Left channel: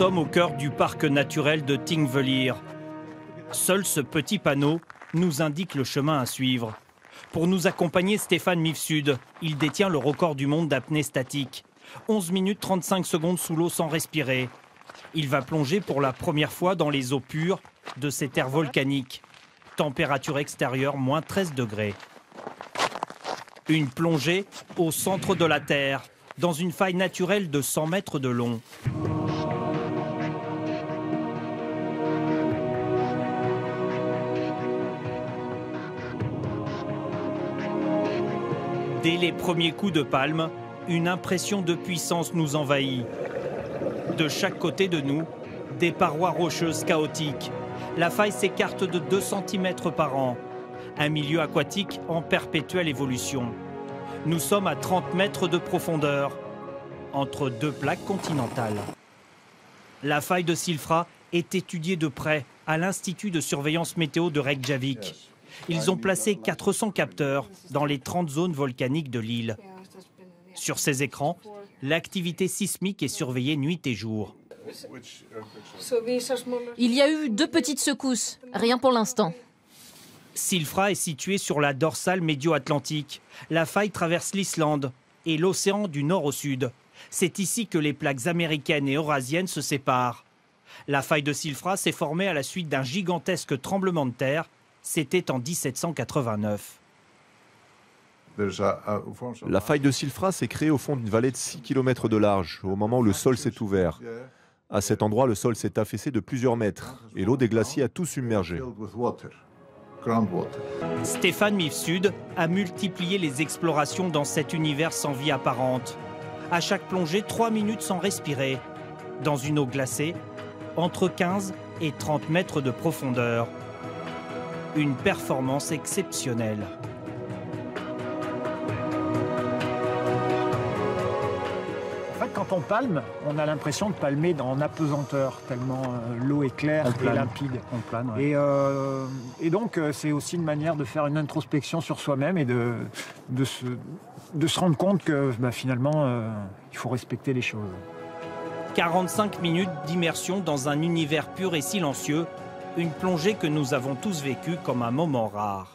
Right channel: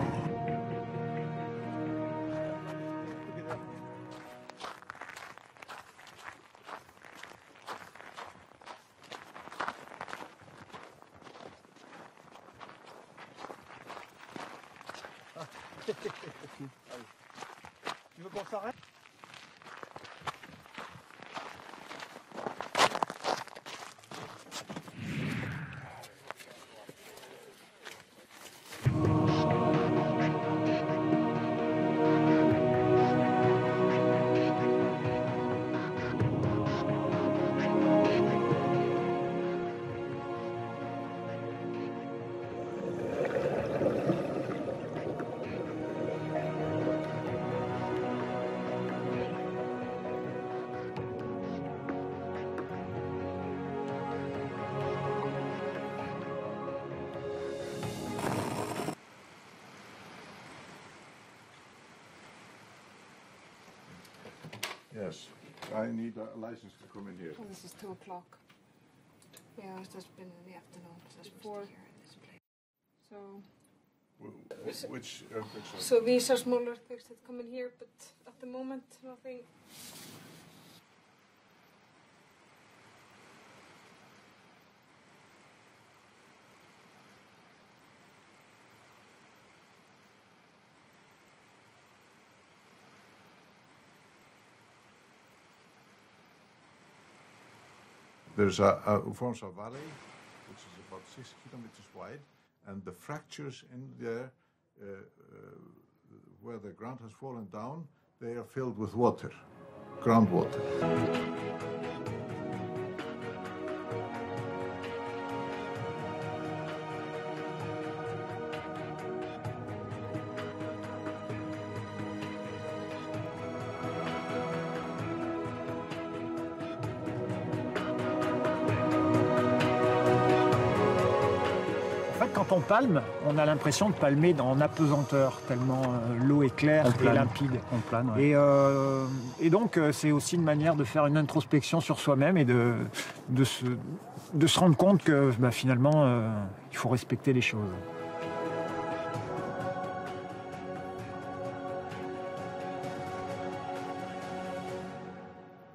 sommes au cœur du parc naturel de Thingvellir. Seul ce petit panneau nous indique le chemin à suivre. Pour nous accompagner, Stefan Mifsud. Il détient le record du monde d'apnée statique. 11 minutes 35 secondes sous l'eau sans respirer. Il va plonger pour la première fois dans les eaux pures de ces terres volcaniques. Température extérieure, moins 13 degrés. Une plongée au centre de la Terre, dans une faille naturelle de 100 mètres de long. Dès les premiers coups de palme, une impression de puissance nous envahit. De chaque côté de nous, des parois rocheuses chaotiques. La faille s'écarte de 2 cm par an. Un milieu aquatique en perpétuelle évolution. Nous sommes à 30 mètres de profondeur, entre 2 plaques continentales. La faille de Silfra est étudiée de près à l'Institut de surveillance météo de Reykjavik. Ils ont placé 400 capteurs dans les 30 zones volcaniques de l'île. Sur ces écrans, l'activité sismique est surveillée nuit et jour. Il y a eu 2 petites secousses, rien pour l'instant. Silfra est située sur la dorsale médio-atlantique. La faille traverse l'Islande et l'océan du nord au sud. C'est ici que les plaques américaines et eurasiennes se séparent. La faille de Silfra s'est formée à la suite d'un gigantesque tremblement de terre. C'était en 1789. La faille de Silfra s'est créée au fond d'une vallée de 6 km de large, au moment où le sol s'est ouvert. À cet endroit, le sol s'est affaissé de plusieurs mètres et l'eau des glaciers a tout submergé. Stefan Mifsud a multiplié les explorations dans cet univers sans vie apparente. À chaque plongée, 3 minutes sans respirer. Dans une eau glacée, entre 15 et 30 mètres de profondeur. Une performance exceptionnelle. Quand on palme, on a l'impression de palmer en apesanteur, tellement l'eau est claire et limpide. On plane, ouais. Et donc, c'est aussi une manière de faire une introspection sur soi-même et de se rendre compte que finalement, il faut respecter les choses. 45 minutes d'immersion dans un univers pur et silencieux, une plongée que nous avons tous vécue comme un moment rare.